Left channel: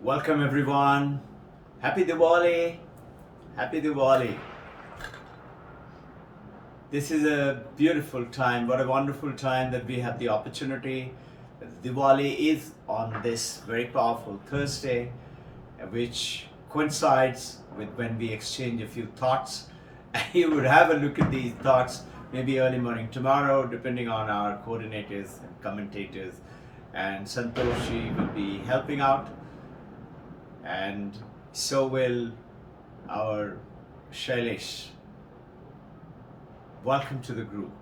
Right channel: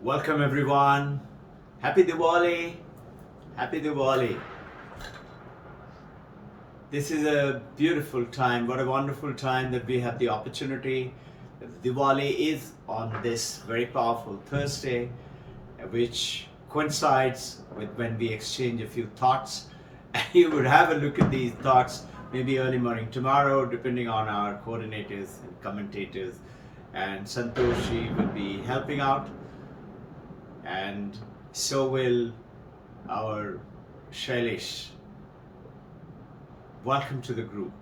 Welcome everyone. Happy Diwali. Happy Diwali. This is a beautiful time. What a wonderful time that we have the opportunity. Diwali is on this very powerful Thursday, which coincides with when we exchange a few thoughts. You would have a look at these thoughts maybe early morning tomorrow, depending on our coordinators and commentators. And Santoshi will be helping out, and so will our Shailesh. Welcome to the group.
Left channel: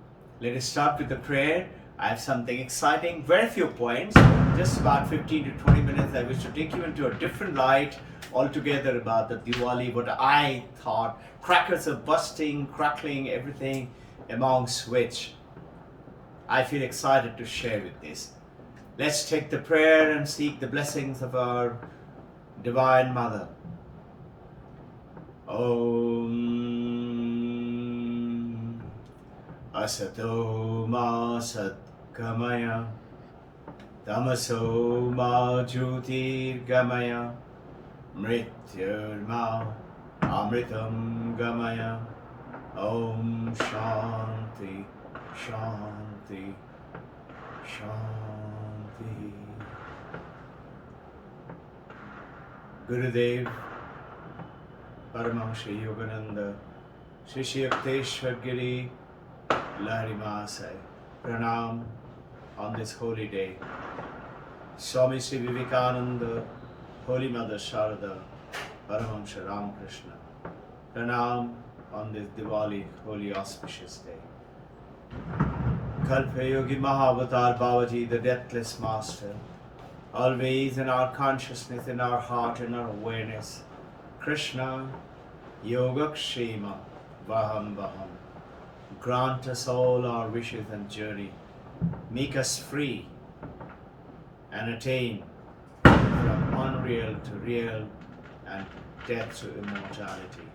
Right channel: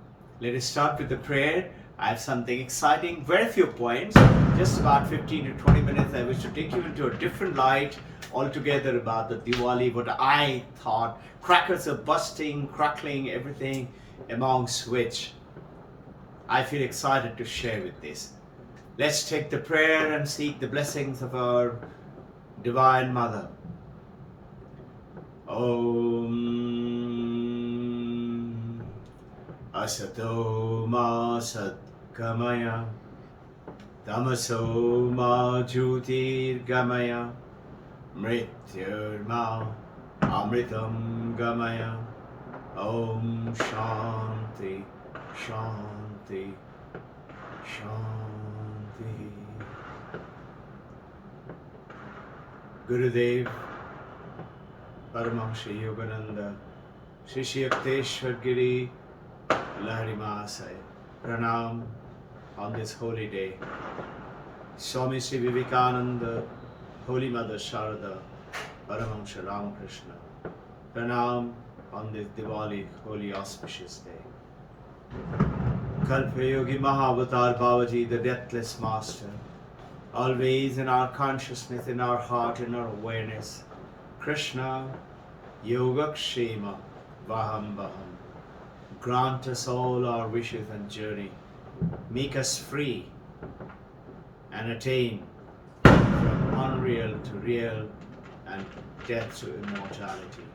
Let us start with the prayer. I have something exciting, very few points, just about 15 to 20 minutes. I wish to take you into a different light altogether about the Diwali, what I thought. Crackers are busting, crackling, everything amongst which I feel excited to share with this. Let's take the prayer and seek the blessings of our Divine Mother. Om Asato Ma Satgamaya Tamaso Ma Jyotir Gamaya Mrityur Ma Amritam Gamaya. Om Shanti Shanti Shanti. Gurudev Paramahamsa Yogananda Shri Shri Yukteswar Giri Lahari Mahasaya Pranam on this holy day. Swami Sri Vivekananda, Holy Mother Sharada, Paramahamsa Ramakrishna. Pranam on this Diwali holy auspicious day. Kalpa Yogi Mahavatar Babaji, the deathless master, always in our consciousness, in our heart, in our awareness. Krishna, Yogakshema, Vaham Vaham. Grant us all our wishes and journey. Make us free and attain from unreal to real and death to immortality.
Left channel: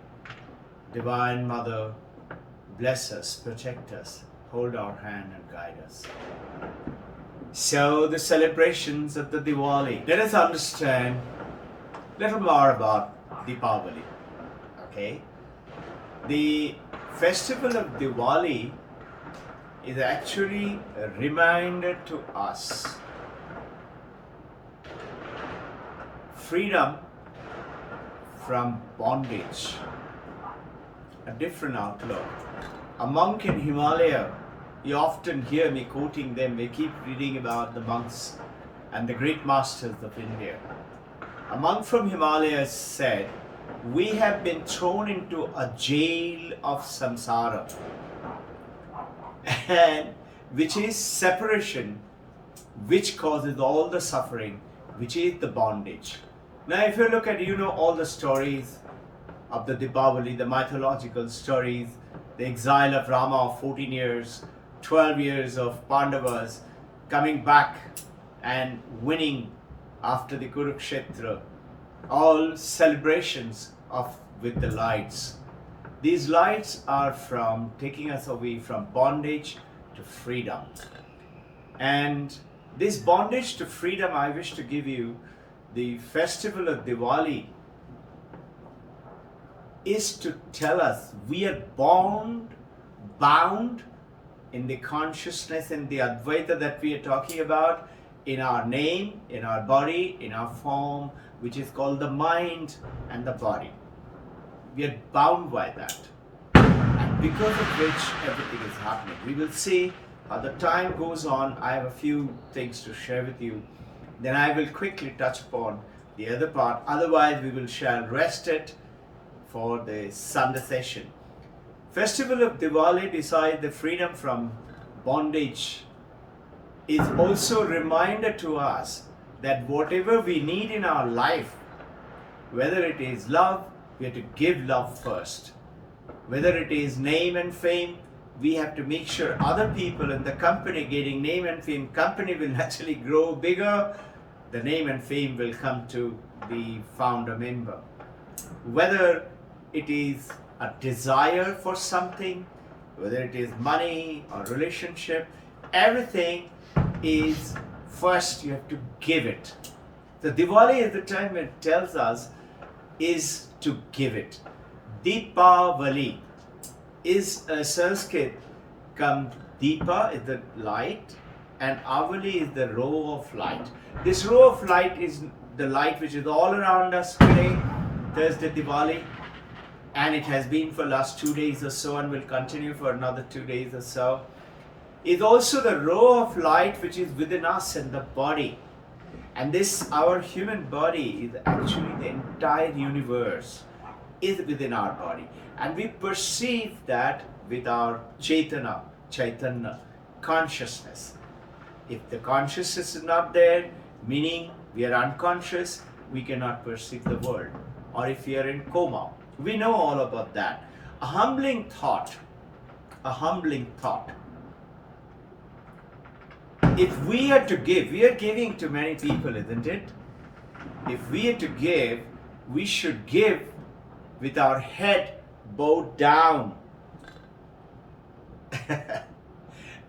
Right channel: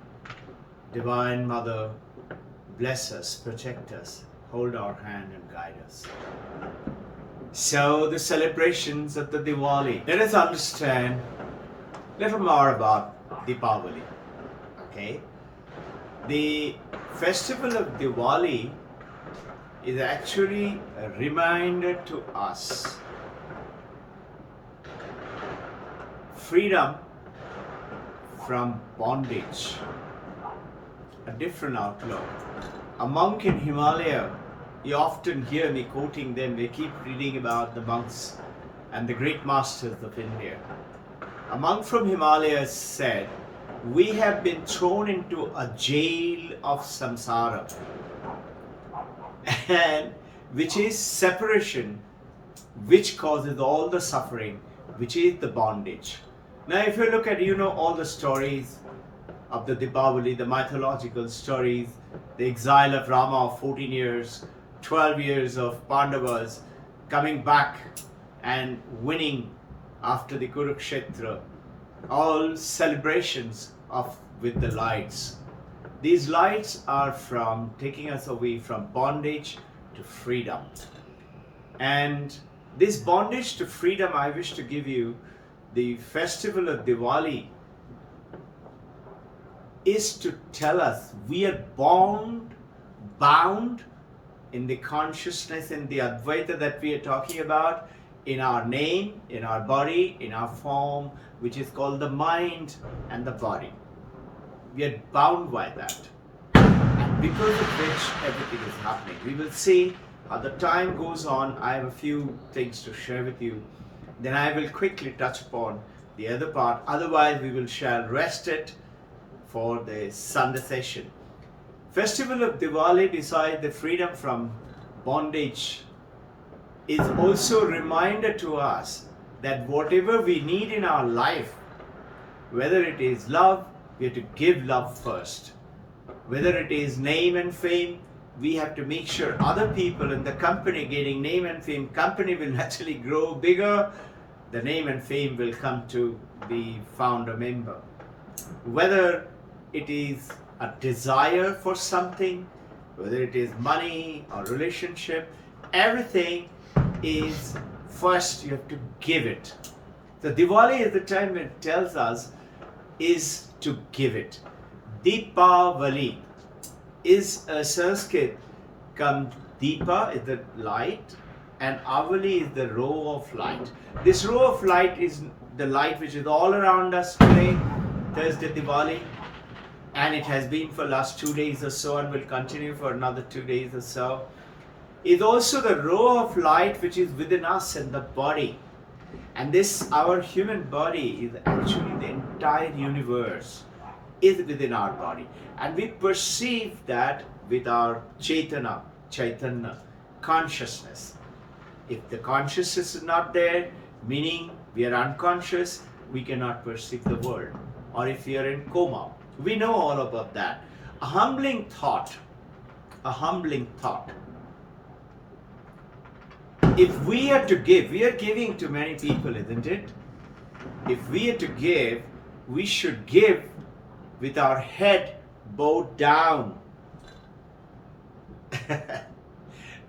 Divine Mother, bless us, protect us, hold our hand and guide us. So the celebrations of the Diwali. Let us understand a little more about Deepavali. Okay? The festival of Diwali is actually a reminder to us freedom from bondage, a different outlook. A monk in Himalaya, you often hear me quoting them. We keep reading about the monks and the great masters of India. A monk from Himalaya said, "We have been thrown into a jail of samsara, and which is separation, which causes all the suffering, which is the bondage." Now, if you look at, all the stories of the Deepavali, the mythological stories, the exile of Rama of 14 years, 12 years of Pandavas coming back and winning after the Kurukshetra, all celebrations with the lights. These lights are from taking us away from bondage to freedom. And this bondage to freedom, I wish to give you the festival of Diwali is to tell us we are bound in the consciousness, in the Advaita that we are talking about, in our name, in our body, in our form, which is called the mind and the body. We are bound by that. And because of which everything is happening. We will see how the time goes on. I have a few things to share with you. Then I will quickly touch upon the other part. Otherwise, we shall rest it for the Sunday session. Festival of Diwali, besides the freedom from bondage, is also a reminder to us that whatever we need in our life, whether it is love, we have to give love first. Whether it is name and fame, we have to make sure other people in the company getting name and fame, company will naturally grow bigger, the name and fame will come to the founder member. Whether it is a desire for something, whether it is money or relationship, everything is first you have to give it. So Diwali is the time it tells us is to give it. Deepavali is a Sanskrit. Come, Deepa is the light and Avali is the row of light. This row of light is the light which is all around us today, Thursday Diwali, and it has been for last 2 days or so and will continue for another 2 days or so. Is also the row of light which is within us and the body. And this, our human body, is actually the entire universe is within our body. And we perceive that with our Chaitanya, consciousness. If the consciousness is not there, meaning we are unconscious, we cannot perceive the world. Or if we are in coma, we know all about that. A humbling thought. If we are to give, we are giving to many people, isn't it? If we are to give, we should give with our head bowed down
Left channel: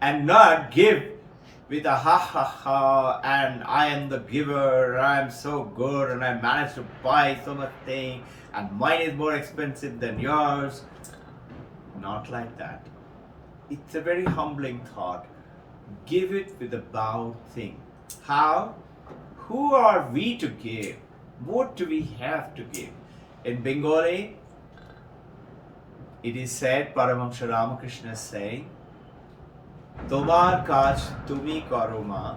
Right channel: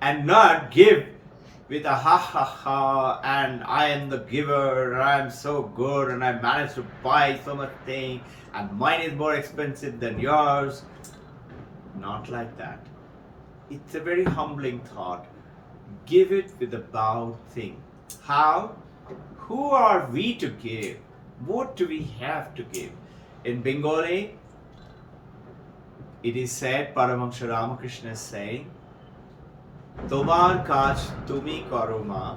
and not give with a ha ha ha and I am the giver and I am so good and I managed to buy so much thing and mine is more expensive than yours. Not like that. It's a very humbling thought. Give it with a bowed thing. How? Who are we to give? What do we have to give? In Bengali, it is said, Paramahamsa Ramakrishna is saying, Tomar kaj tumi karo ma,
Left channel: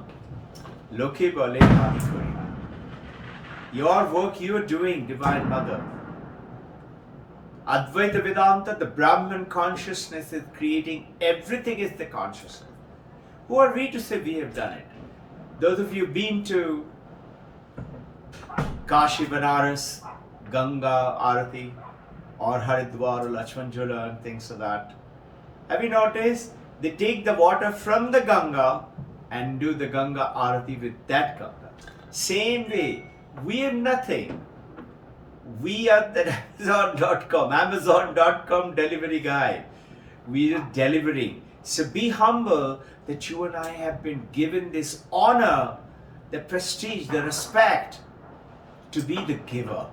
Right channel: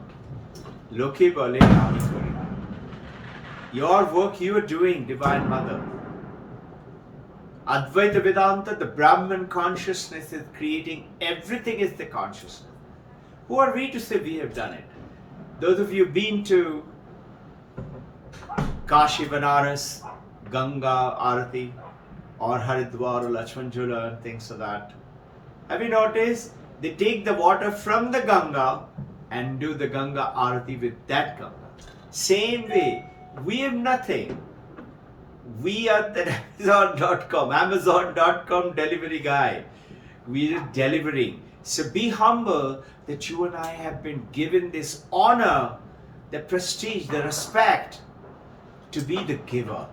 loke bole ami kori. Your work you are doing, Divine Mother. Advaita Vedanta, the Brahman consciousness is creating, everything is the consciousness. Who are we to say we have done it? Those of you been to Kashi, Banaras, Ganga Arati, or Haridwar or Lakshman Jhula and things like that. Have you noticed? They take the water from the Ganga and do the Ganga Arati with that Ganga. Same way, we have nothing. We are the Amazon.com delivery guy. We are delivering. So be humble that you and I have been given this honor, the prestige, the respect to be the giver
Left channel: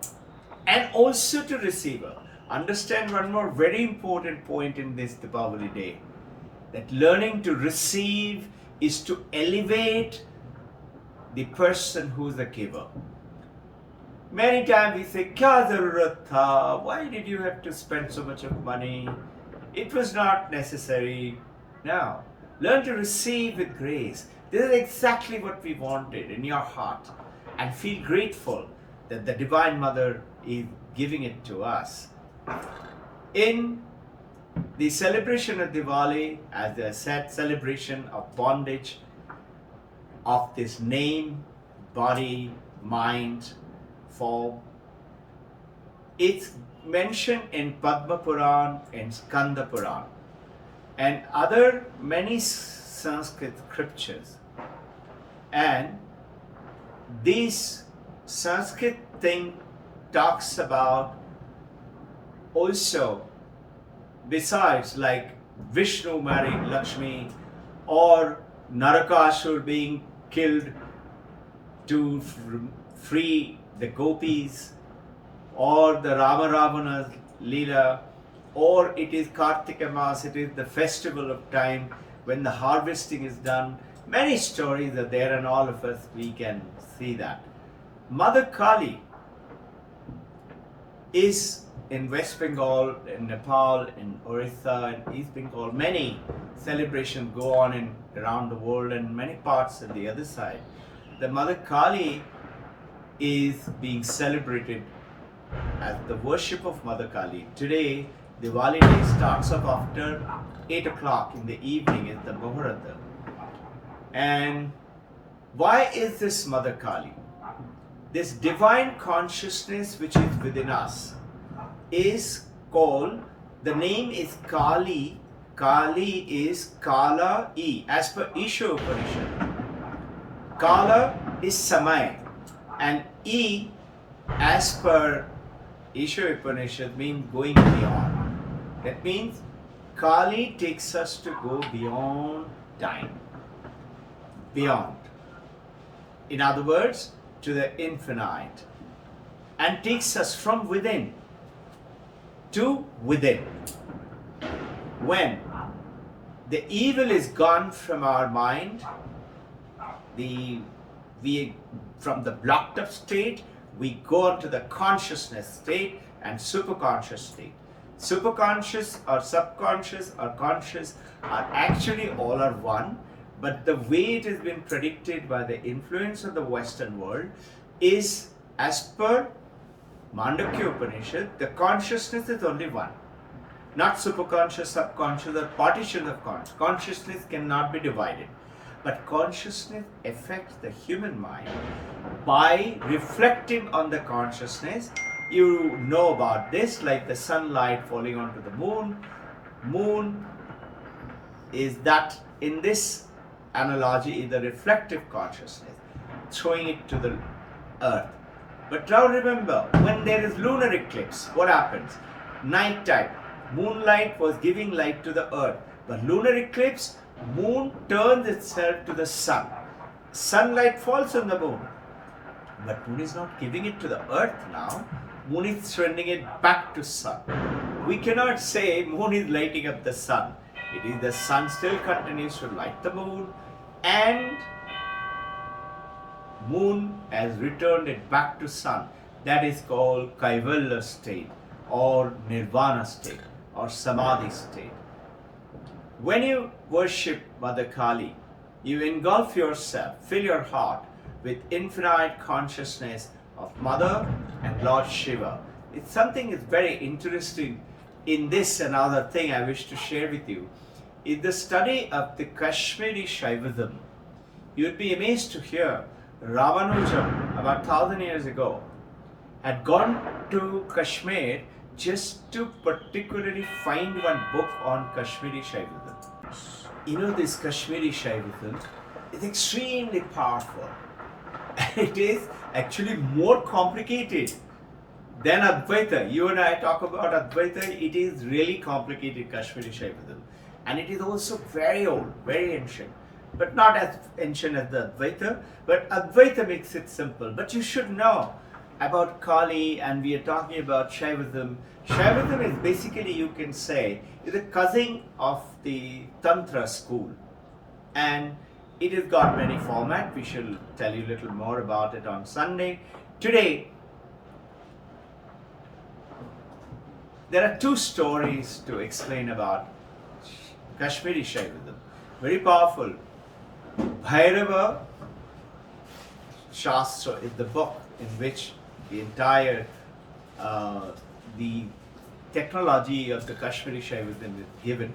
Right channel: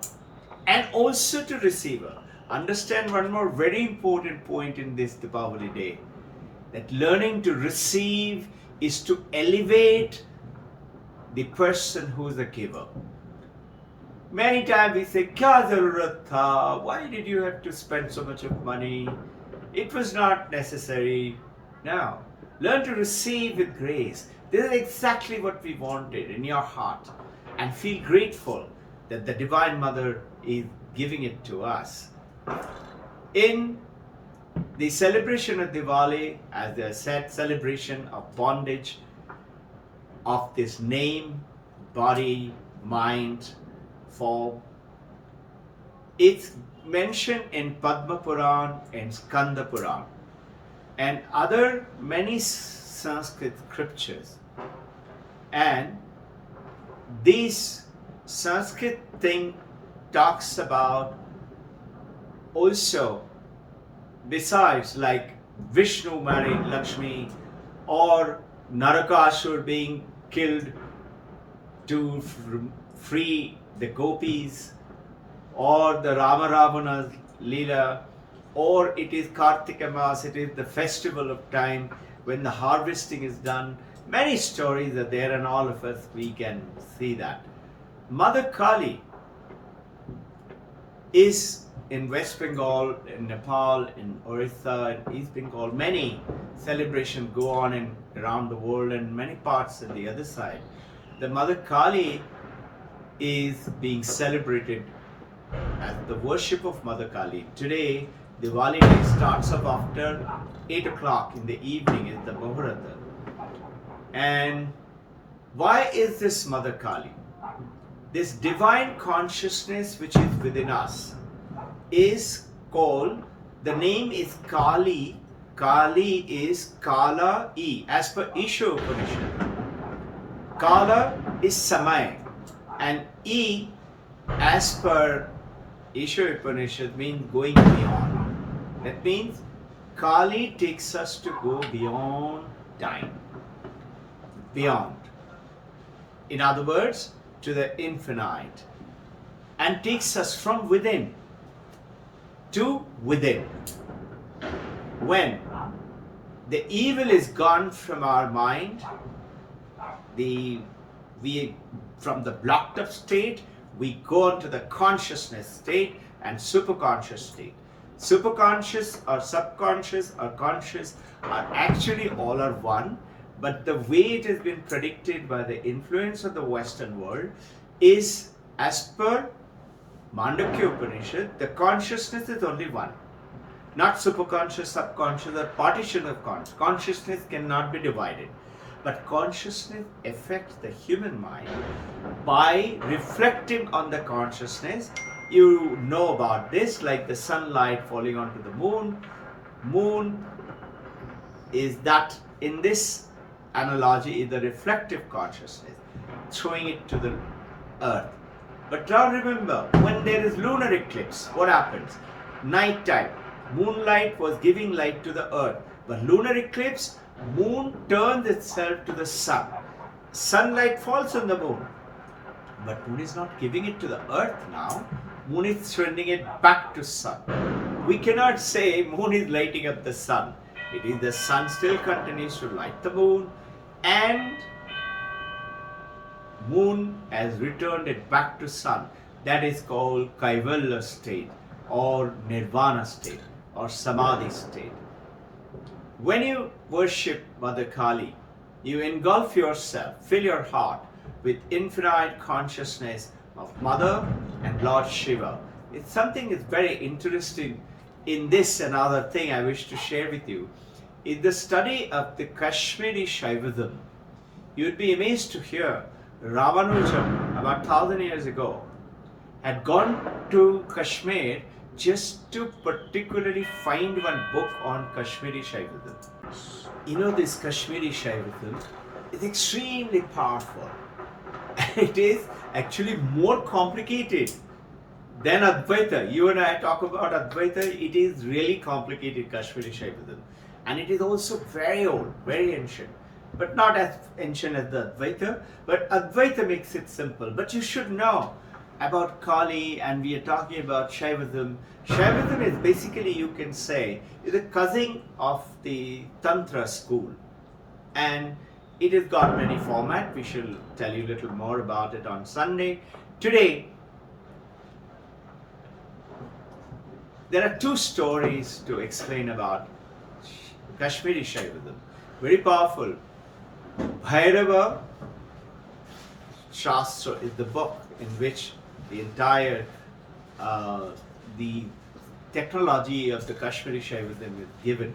and also to receiver. Understand one more very important point in this Deepavali day, that learning to receive is to elevate the person who is the giver. Many times we say, Kya zarurat tha? Why did you have to spend so much of money? It was not necessary. Now, learn to receive with grace. This is exactly what we wanted in your heart. And feel grateful that the Divine Mother is giving it to us. In the celebration of Diwali, as I said, celebration of bondage, of this name, body, mind, form, it's mentioned in Padma Puran and Skanda Puran and other many Sanskrit scriptures. And this Sanskrit thing talks about also, besides like Vishnu married Lakshmi or Narakasur being killed to free the gopis, or the Rama Ravana Leela, or it is Kartika Mas, it is the festival of time when the harvesting is done. Many stories are there and all of us, we can see that. Mother Kali is in West Bengal, in Nepal, in Orissa, in East Bengal. Many celebrations go on in around the world and many parts on the other side. The Mother Kali is being celebrated as the worship of Mother Kali. Today, Diwali day starts off after 8 o'clock in the evening is the Muhurata. And why is this Mother Kali? This divine consciousness which is within us is called, the name is Kali. Kali is Kala E, as per Isha Upanishad. Kala is Samay, and E, as per Isha Upanishad, means going beyond. That means Kali takes us to go beyond time. Beyond. In other words, to the infinite and takes us from within to within. When the evil is gone from our mind, from the blocked up state, we go into the consciousness state and superconscious state. Superconscious or subconscious or conscious are actually all are one, but the way it has been predicted by the influence of the Western world is, as per Mandukya Upanishad, the consciousness is only one. Not superconscious, subconscious, or partition of consciousness. Consciousness cannot be divided. But consciousness affects the human mind by reflecting on the consciousness. You know about this, like the sunlight falling onto the moon. Moon is that, in this analogy, is the reflective consciousness, throwing it to the earth. But now remember, when there is lunar eclipse, what happens? Night time, moonlight was giving light to the earth. But lunar eclipse, moon turns itself to the sun. Sunlight falls on the moon. But moon is not giving it to the earth now. Moon is sending it back to sun. We cannot say moon is lighting up the sun. It is the sun still continues to light the moon, and moon has returned it back to sun. That is called Kaivalya state or Nirvana state or Samadhi state. When you worship Mother Kali, you engulf yourself, fill your heart with infinite consciousness of Mother and Lord Shiva. It's something that's very interesting in this. Another thing I wish to share with you is the study of the Kashmiri Shaivism. You'd be amazed to hear Ramanujam, about 1,000 years ago, had gone to Kashmir just to particularly find one book on Kashmiri Shaivism. You know, this Kashmiri Shaivism is extremely powerful. It is actually more complicated than Advaita. You and I talk about Advaita, it is really complicated, Kashmiri Shaivism. And it is also very old, very ancient. But not as ancient as the Advaita, but Advaita makes it simple. But you should know about Kali, and we are talking about Shaivism. Shaivism is basically, you can say, is a cousin of the Tantra school. And it has got many formats. We shall tell you a little more about it on Sunday. Today, there are two stories to explain about Kashmiri Shaivism. Very powerful. Bhairava Shastra is the book in which the entire the technology of the Kashmiri Shaivism is given.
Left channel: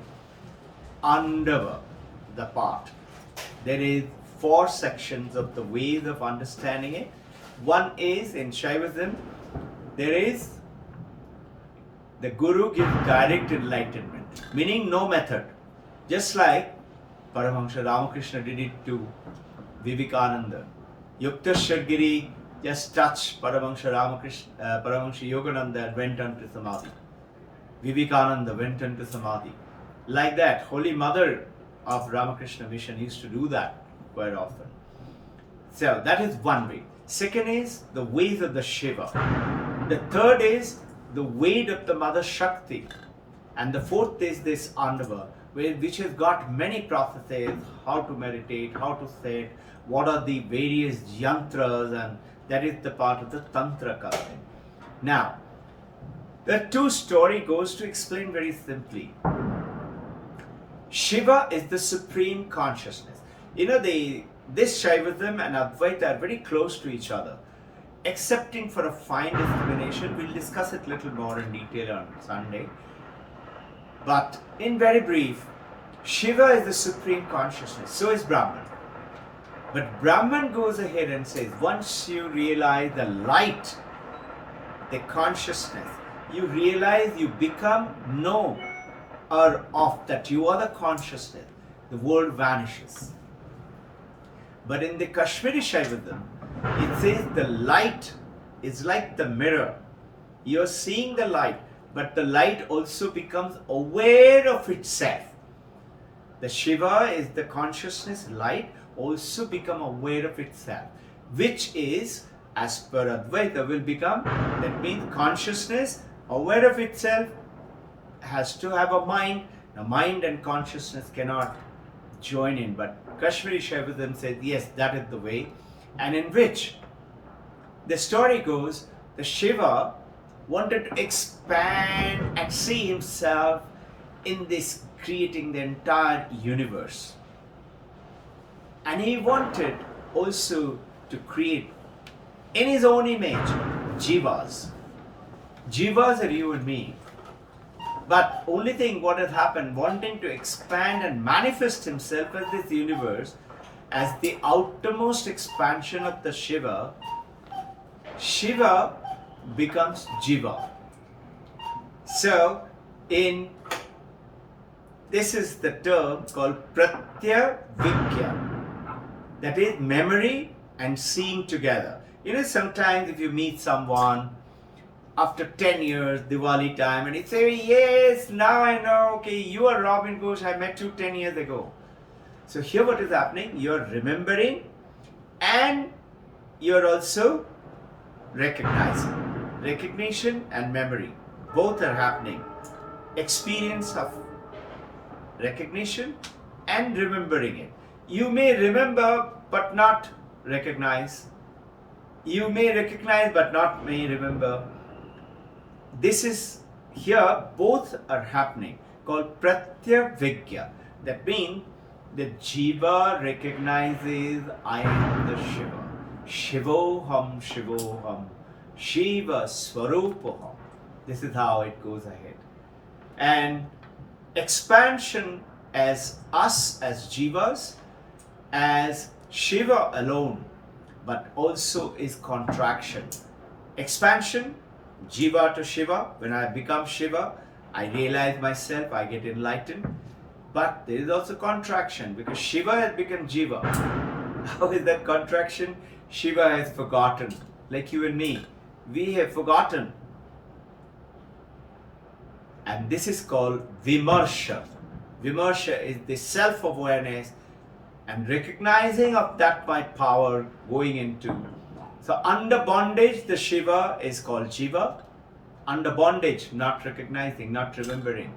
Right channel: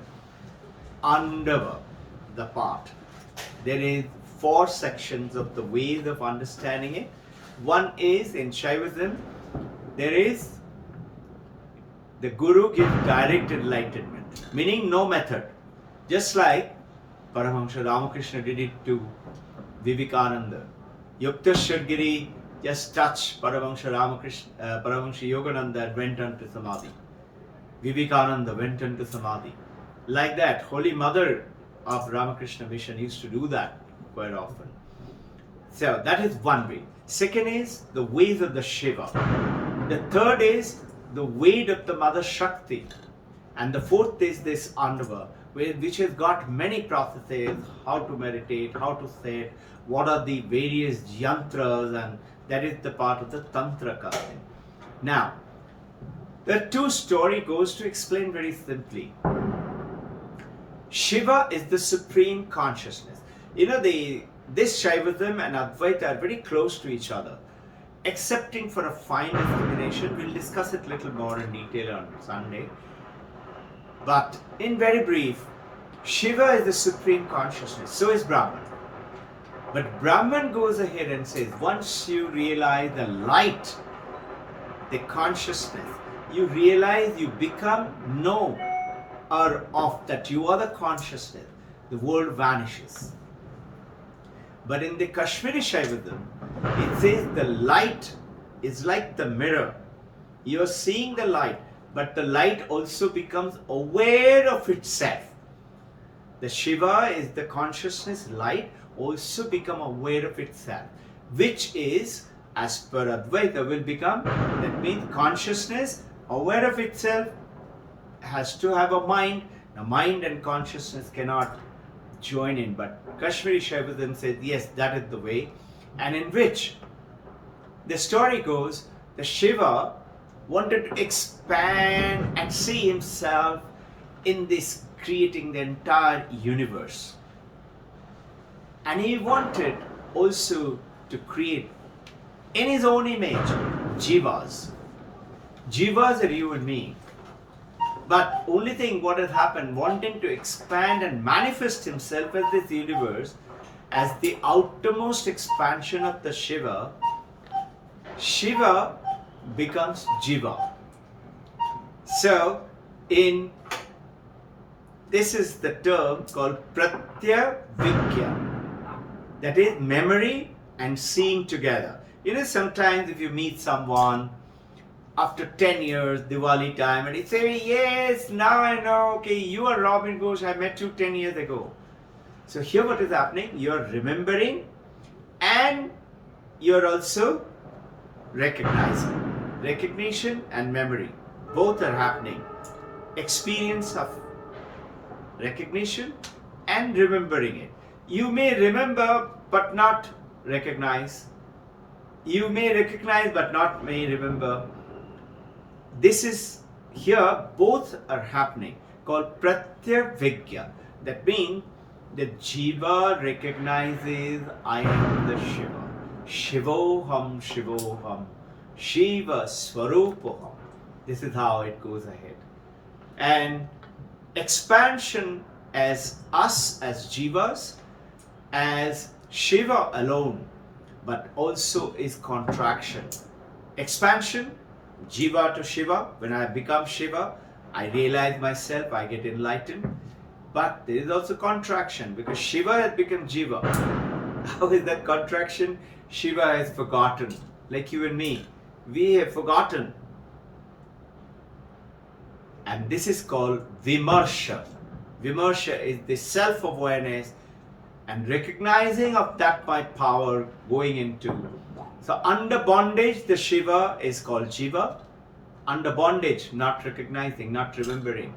Under the part, there is 4 sections of the ways of understanding it. One is, in Shaivism, there is the Guru gives direct enlightenment, meaning no method. Just like Paramahamsa Ramakrishna did it to Vivekananda. Yukta Shirgiri just touched Paramahamsa Yogananda and went on to Samadhi. Vivekananda went on to Samadhi. Like that, Holy Mother of Ramakrishna Mission used to do that quite often. So that is one way. Second is the ways of the Shiva. The third is the weight of the Mother Shakti. And the fourth is this Andava, which has got many processes, how to meditate, how to sit, what are the various yantras, and that is the part of the Tantra culture. Now, the two story goes to explain very simply. Shiva is the supreme consciousness. You know, this Shaivism and Advaita are very close to each other. Excepting for a fine discrimination, we'll discuss it a little more in detail on Sunday. But in very brief, Shiva is the supreme consciousness, so is Brahman. But Brahman goes ahead and says, once you realize the light, the consciousness, you realize you become knower of that you are the consciousness, the world vanishes. But in the Kashmiri Shaivism, it says the light is like the mirror. You are seeing the light, but the light also becomes aware of itself. The Shiva is the consciousness light, also become aware of itself, which is as per Advaita, will become, that means consciousness, aware of itself, has to have a mind. Now, mind and consciousness cannot join in, but Kashmiri Shaivism says, yes, that is the way. And in which the story goes, the Shiva wanted to expand and see himself in this, creating the entire universe. And he wanted also to create in his own image Jivas. Jivas are you and me. But only thing what has happened, wanting to expand and manifest himself as this universe, as the outermost expansion of the Shiva, Shiva becomes Jiva. So, this is the term called Pratyavidya. That is memory and seeing together. You know, sometimes if you meet someone after 10 years, Diwali time, and he say, yes, now I know, okay, you are Robbin Ghosh, I met you 10 years ago. So here what is happening, you are remembering and you are also recognizing. Recognition and memory, both are happening. Experience of recognition and remembering it. You may remember but not recognize. You may recognize but not may remember. This is here, both are happening, called Pratyavidya. That means the Jiva recognizes I am the Shiva. Shivoham, Shivoham, Shiva Swarupoham. This is how it goes ahead. And expansion as us, as Jivas, as Shiva alone, but also is contraction. Expansion, Jiva to Shiva. When I become Shiva, I realize myself, I get enlightened. But there is also contraction because Shiva has become Jiva. How is that contraction? Shiva has forgotten, like you and me. We have forgotten. And this is called Vimarsha. Vimarsha is the self-awareness and recognizing of that by power going into. So under bondage, the Shiva is called Jiva. Under bondage, not recognizing, not remembering.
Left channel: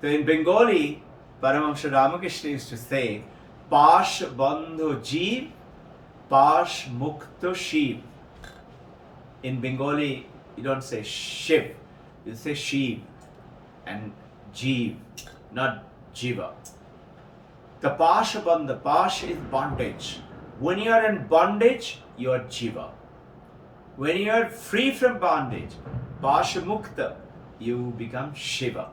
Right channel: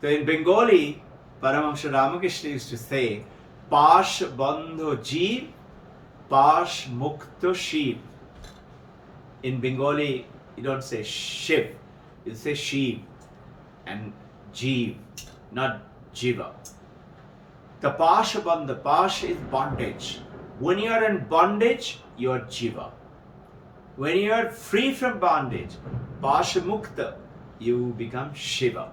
So in Bengali, Paramahamsa Ramakrishna used to say, Pash Bandho Jeev, Pash Mukto Shiv. In Bengali, you don't say Shiv, you say Shiv and Jeev, not Jiva. The Pasha Bandha, Pash is bondage. When you are in bondage, you are Jiva. When you are free from bondage, Pasha Mukta, you become Shiva.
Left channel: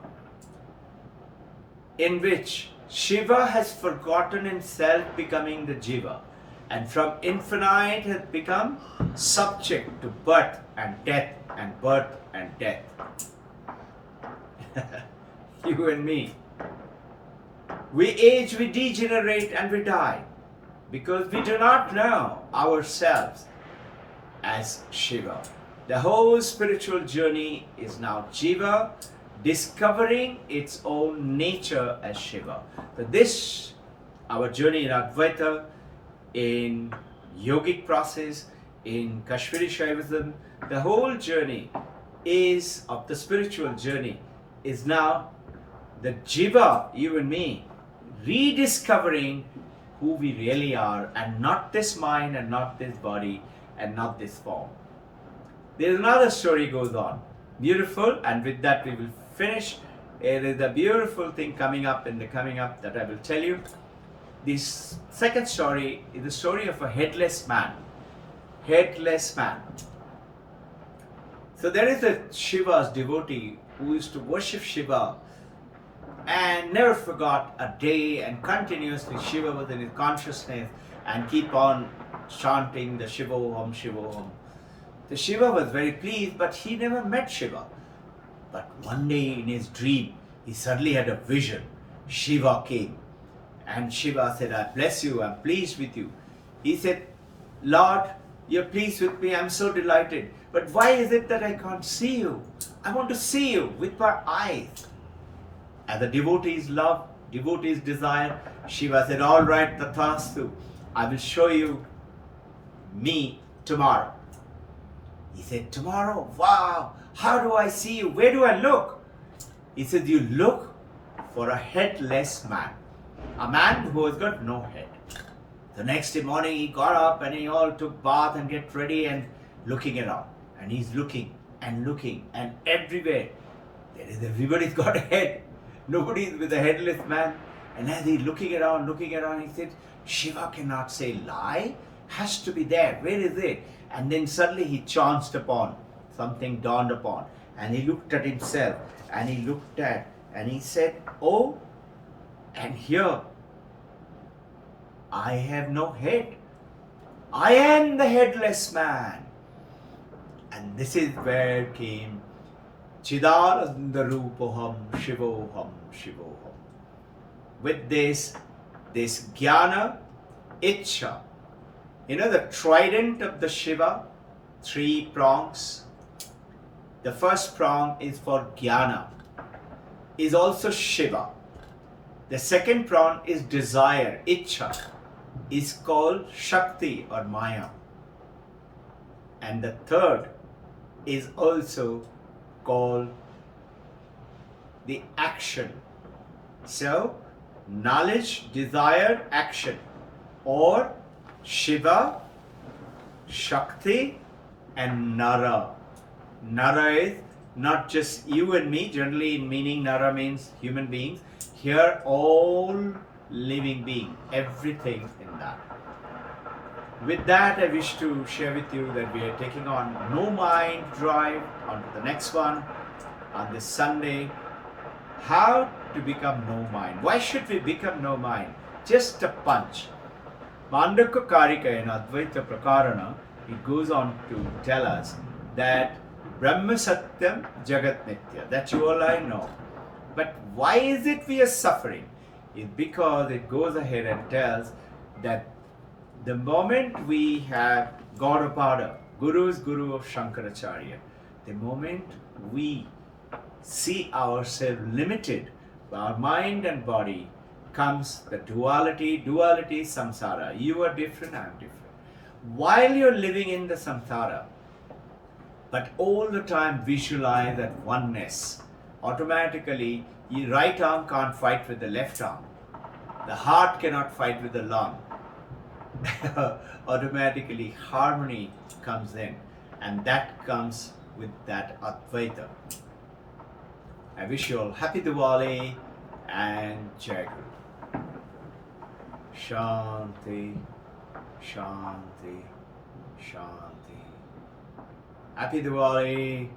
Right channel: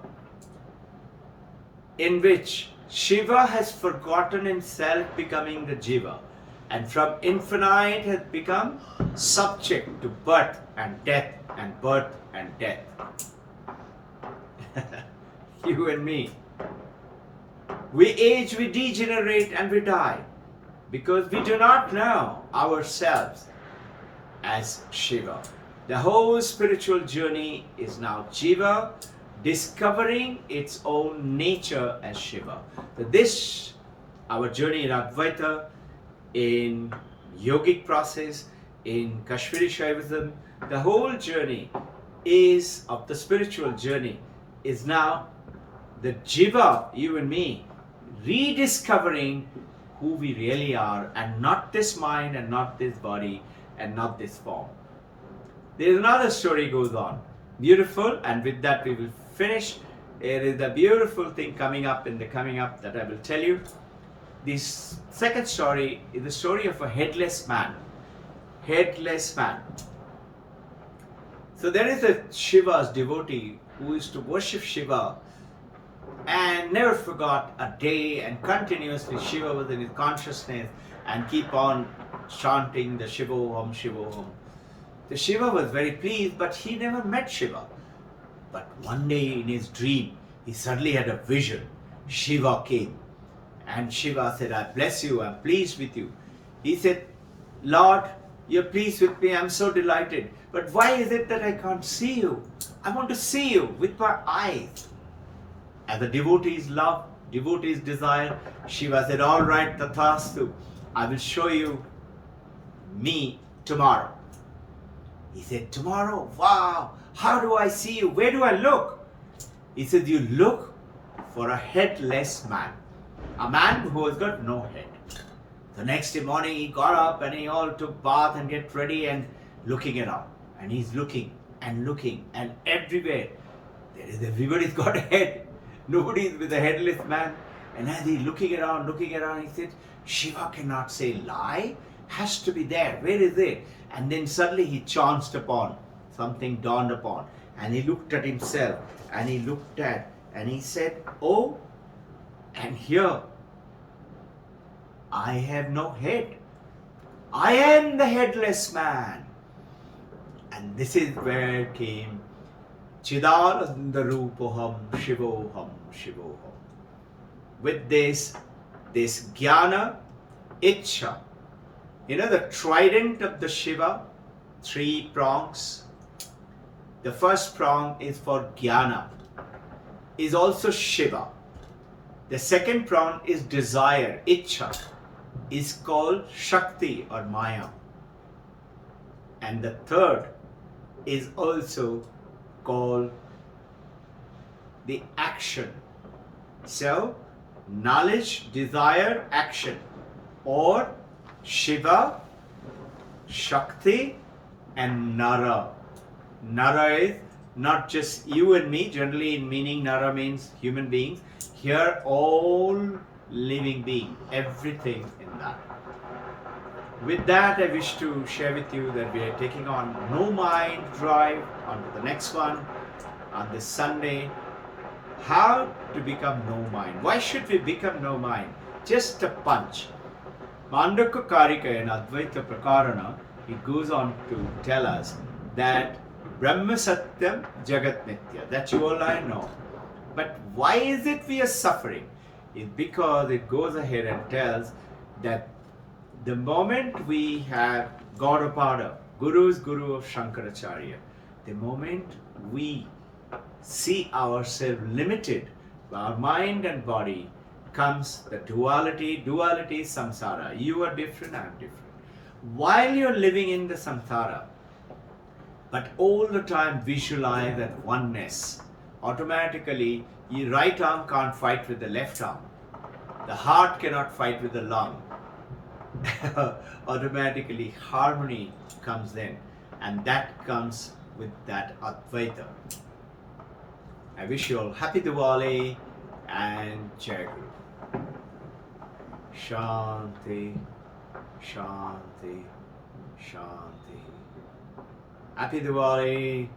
In which Shiva has forgotten himself, becoming the Jiva, and from infinite has become subject to birth and death and birth and death. You and me. We age, we degenerate, and we die because we do not know ourselves as Shiva. The whole spiritual journey is now Jiva discovering its own nature as Shiva. So this, our journey in Advaita, in yogic process, in Kashmiri Shaivism, the whole journey is of the spiritual journey is now the Jiva, you and me, rediscovering who we really are, and not this mind and not this body and not this form. There is another story goes on. Beautiful, and with that we will finish. There is a beautiful thing coming up that I will tell you. This second story is the story of a headless man. Headless man. So there is a Shiva's devotee who used to worship Shiva and never forgot a day, and continuously Shiva was in his consciousness and keep on chanting the Shivoham, Shivoham. The Shiva was very pleased, but he never met Shiva. But one day in his dream, he suddenly had a vision. Shiva came and Shiva said, I bless you, I'm pleased with you. He said, Lord, you're pleased with me, I'm so delighted. But why is it that I can't see you? I want to see you with my eyes. As the devotees love, devotees desire, Shiva said, all right, Tathastu, I will show you me tomorrow. He said, tomorrow, wow, how do I see you? Where do I look? He said, you look for a headless man, a man who has got no head. The next morning he got up and he all took bath and get ready and looking around. And he's looking and everywhere. Everybody's got a head. Nobody's with a headless man. And as he's looking around, he said, Shiva cannot say lie. Has to be there. Where is it? And then suddenly he chanced upon, something dawned upon. And he looked at himself and he looked at and he said, oh, and here I have no head. I am the headless man. And this is where came Chidananda Rupoham Shivoham Shivoham. With this jnana, Ichcha. You know the trident of the Shiva, 3 prongs. The first prong is for jnana, is also Shiva. The second prong is desire, Ichcha, is called Shakti or Maya. And the third is also called the action. So, knowledge, desire, action, or Shiva, Shakti, and Nara. Nara is not just you and me. Generally in meaning, Nara means human beings. Here, all living being, everything in that. With that, I wish to share with you that we are taking on No Mind Drive on to the next one on this Sunday. How to become no mind. Why should we become no mind? Just a punch. Mandaka Karika in Advaita Prakarana, it goes on to tell us that Brahma Satyam Jagat Nitya, that you all I know. But why is it we are suffering? It's because it goes ahead and tells that the moment we have Gaudapada, Guru is Guru of Shankaracharya, the moment we see ourselves limited, our mind and body, comes the duality. Duality is samsara. You are different, I am different. While you're living in the samsara, but all the time visualize that oneness, automatically your right arm can't fight with the left arm. The heart cannot fight with the lung. Automatically harmony comes in, and that comes with that Advaita. I wish you all happy Diwali and Jai Guru. Shanti, Shanti, Shanti. Happy Diwali.